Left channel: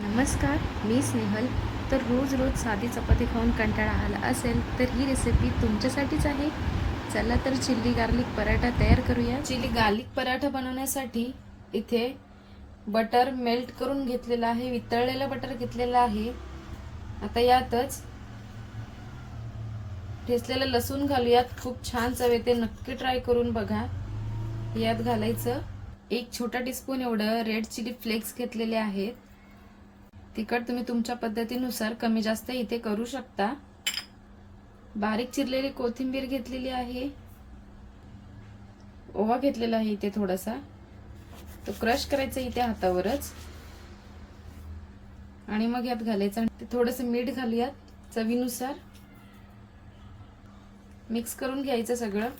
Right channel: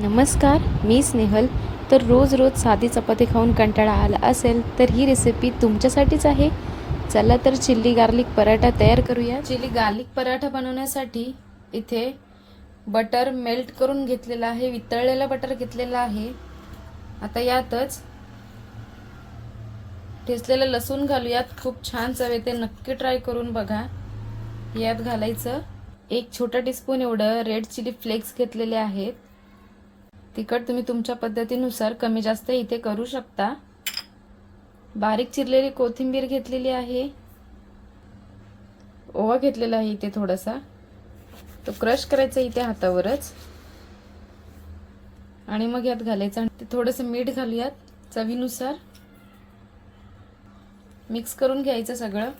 नमस्कार, मी स्नेहल. तर रोज साधी चपाती खाऊन कंटाळा आला असेल तर ही रेसिपी तुमच्यासाठीच आहे. चला तर चिल्ली गार्लिक पराठा तयार करूया. चिल्ली गार्लिक पराठा बनवण्यासाठी इथे बटर मेल्ट करून घेतलेला आहे, वितळलेला बटर घेतलेला आहे. आता यातच ठेचलेलं लसूण घालूयात. खूप छान चव येते, नक्की ट्राय करून बघा. यात घालायचं 1 छोटा टीस्पून एवढं रेड चिली फ्लेक्स घेतलेले आहेत. तिखट तुम्ही तुमच्या पद्धतीनुसार कमी जास्त इथे करू शकता. बारीक चिरलेली कोथिंबीर घेतलेली आहे. ओवा घेतलेला आहे इथे थोडासा, तो क्रश करायचा इथे हातावरच आणि मग यात घालायचं. थोडंसं मीठ घालूयात चवीनुसार. मिक्स करून घ्यायचं सगळं.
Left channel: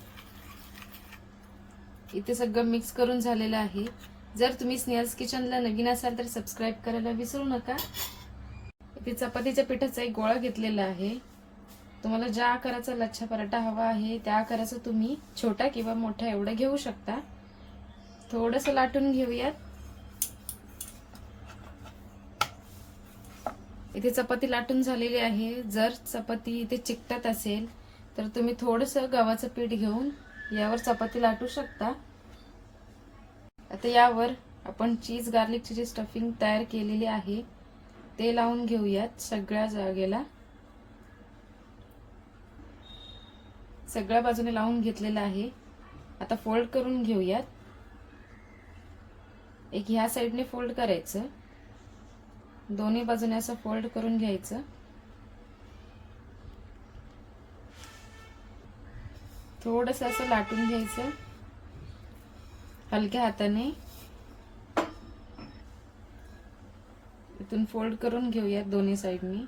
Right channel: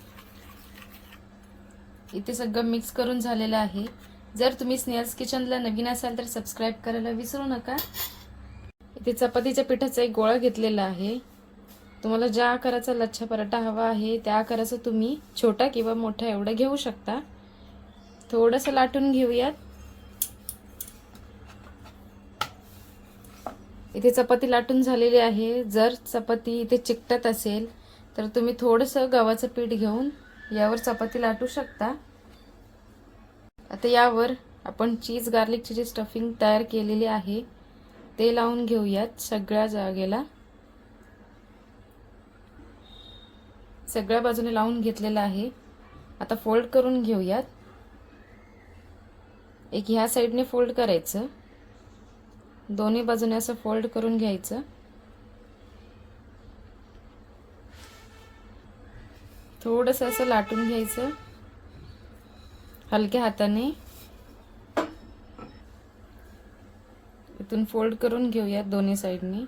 इथे सगळं मिक्स करून झालेलं आहे. जर तुम्ही स्नेहल्स किचनला नवीन असाल तर सबस्क्राइब करायला विसरू नका. इथे चपातीच्या पिठाचा एक गोळा घेतलेला आहे. तुम्हाला ज्या आकाराचा लच्छा पराठा हवा आहे त्या आकाराचा तुम्ही छोटा किंवा मोठा एवढा घेऊ शकता. थोडंसं लाटून घेऊयात. इथे चपाती लाटून झालेली आहे. जर चपाती इथे चिकटत असेल तर तुम्ही थोडंसं गव्हाचं पीठ घेऊन यावर चपाती लाटू शकता. आता यावर आपण चीज गार्लिकची जी स्टफिंग तयार केलेली आहे ते लावून घेऊयात सगळ्या जागेला. सगळ्या बाजूने लावून घेतलेलं आहे. आता फोल्ड करून घेऊयात. एक ह्या साइडने फोल्ड करायचं, दोन्ही बाजूने असं फोल्ड करून घ्यायचं. थोडंसं असं लाटून घ्यायचं हलक्या हाताने. इथून फोल्ड करून घेऊयात दोन्ही साइडनी.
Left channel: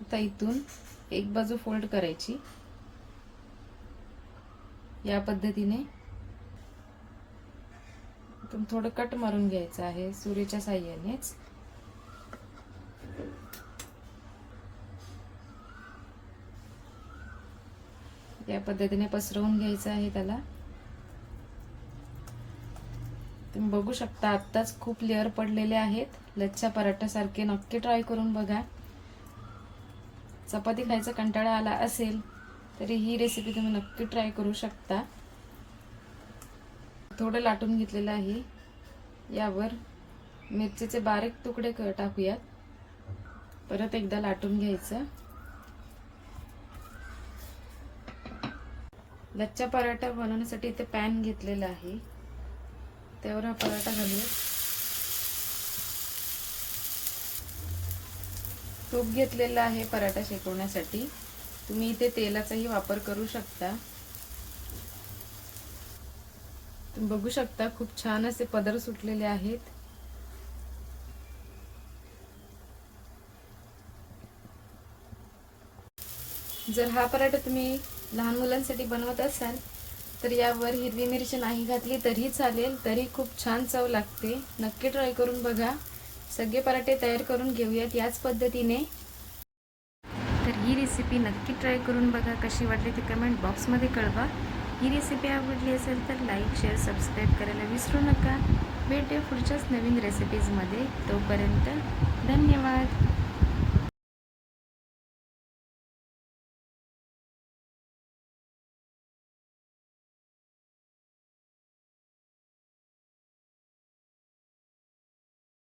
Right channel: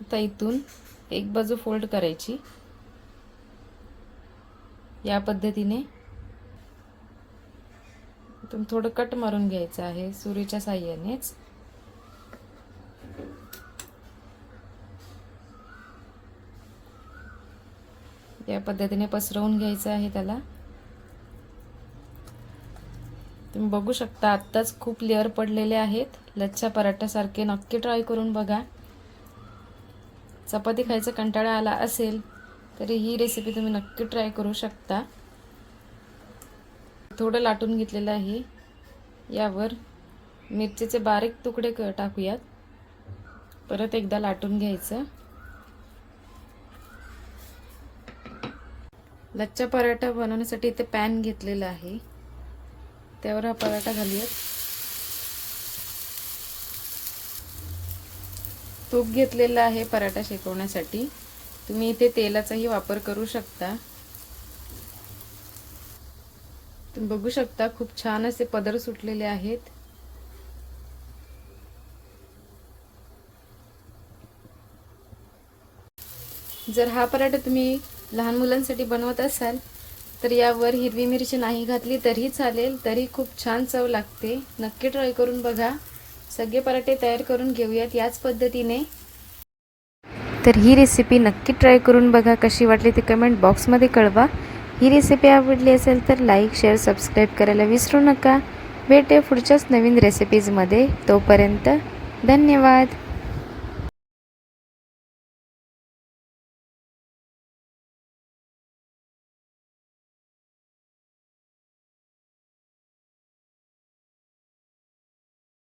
आता इथून एक बाजू फोल्ड करायची या पद्धतीने. इथून थोडं कट मारून घ्यायचं आहे सुरीच्या साहाय्यानेच. या पद्धतीने पसरवून घ्यायचं आहे त्याला. तुम्ही बघू शकता आत्ताच खूप लेअर पडलेले आहेत. लच्छा पराठ्यासारखे नक्की ट्राय करून बघा. चपाती खायचा कंटाळा आला असेल तरी ही रेसिपी तुम्ही नक्की ट्राय करू शकता. थोडं लाटून घेतलेलं आहे. यावर मिरचीचे बारीक तुकडे टाकूयात. परत एकदा लाटून घ्यायचं. लच्छा पराठा बनवण्यासाठी इथे पॅन घेतलेला आहे, त्यावर हा पराठा घालूयात. तूप घेतलेला आहे पराठा शेकवण्यासाठी. तुम्ही इथे तेलाचाही वापर करू शकता. तुम्ही बघू शकता खूप छान असे पदर सुटलेले आहेत. जर हा पराठा तुम्ही लहान मुलांसाठी बनवत असाल तर यावर हिरवी मिरची नाही घातली तरी चालेल, तरी खूप छान चव लागते. नक्की ट्राय करून बघा. सगळे पराठे तयार करून घेऊयात याच पद्धतीने. तर ही रेसिपी नक्की ट्राय करून बघा. कशी वाटली ती कमेंट बॉक्समध्ये कळवा. ही रेसिपी आवडली असेल तर लाईक, शेअर, सबस्क्राईब करायला विसरू नका. भेटूया पुढच्याच नवीन रेसिपीजमध्ये. तोपर्यंत धन्यवाद.